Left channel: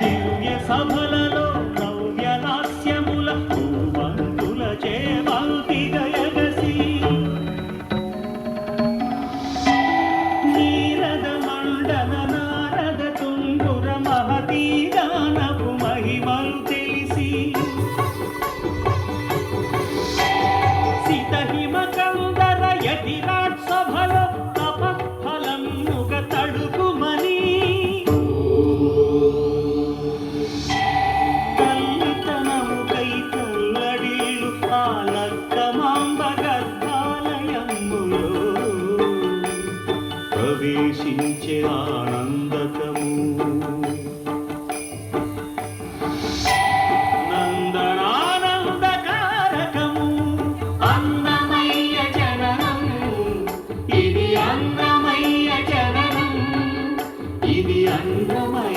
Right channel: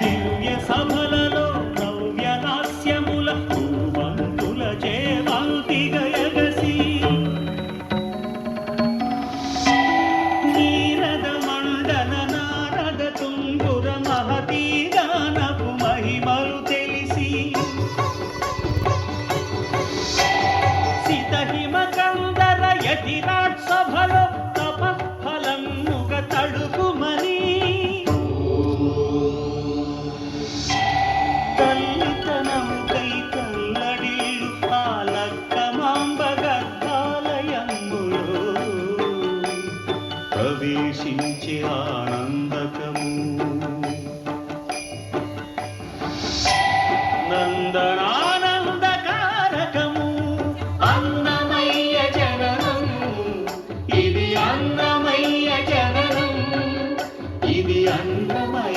దివ్య సభలలో నవ్య హాస్యముల పూవంతుల చేవంతి గయగసి నీరద మండన నారద తుంగుర మహతీ గానపు మహిమలు తెలిసి సితహిమ కందర యతిరాట్ సభలో తపఫలముగ తడుకుమని తల్లితనముకై కల్లడిల్లు ఆలక్కమాంబ గర్భాలయములో ప్రవేశించే ఆనందకము నందనానందకారకము అన్నమయ్య జననం ఇది అన్నమయ్య జననం ఇది అన్నమయ్య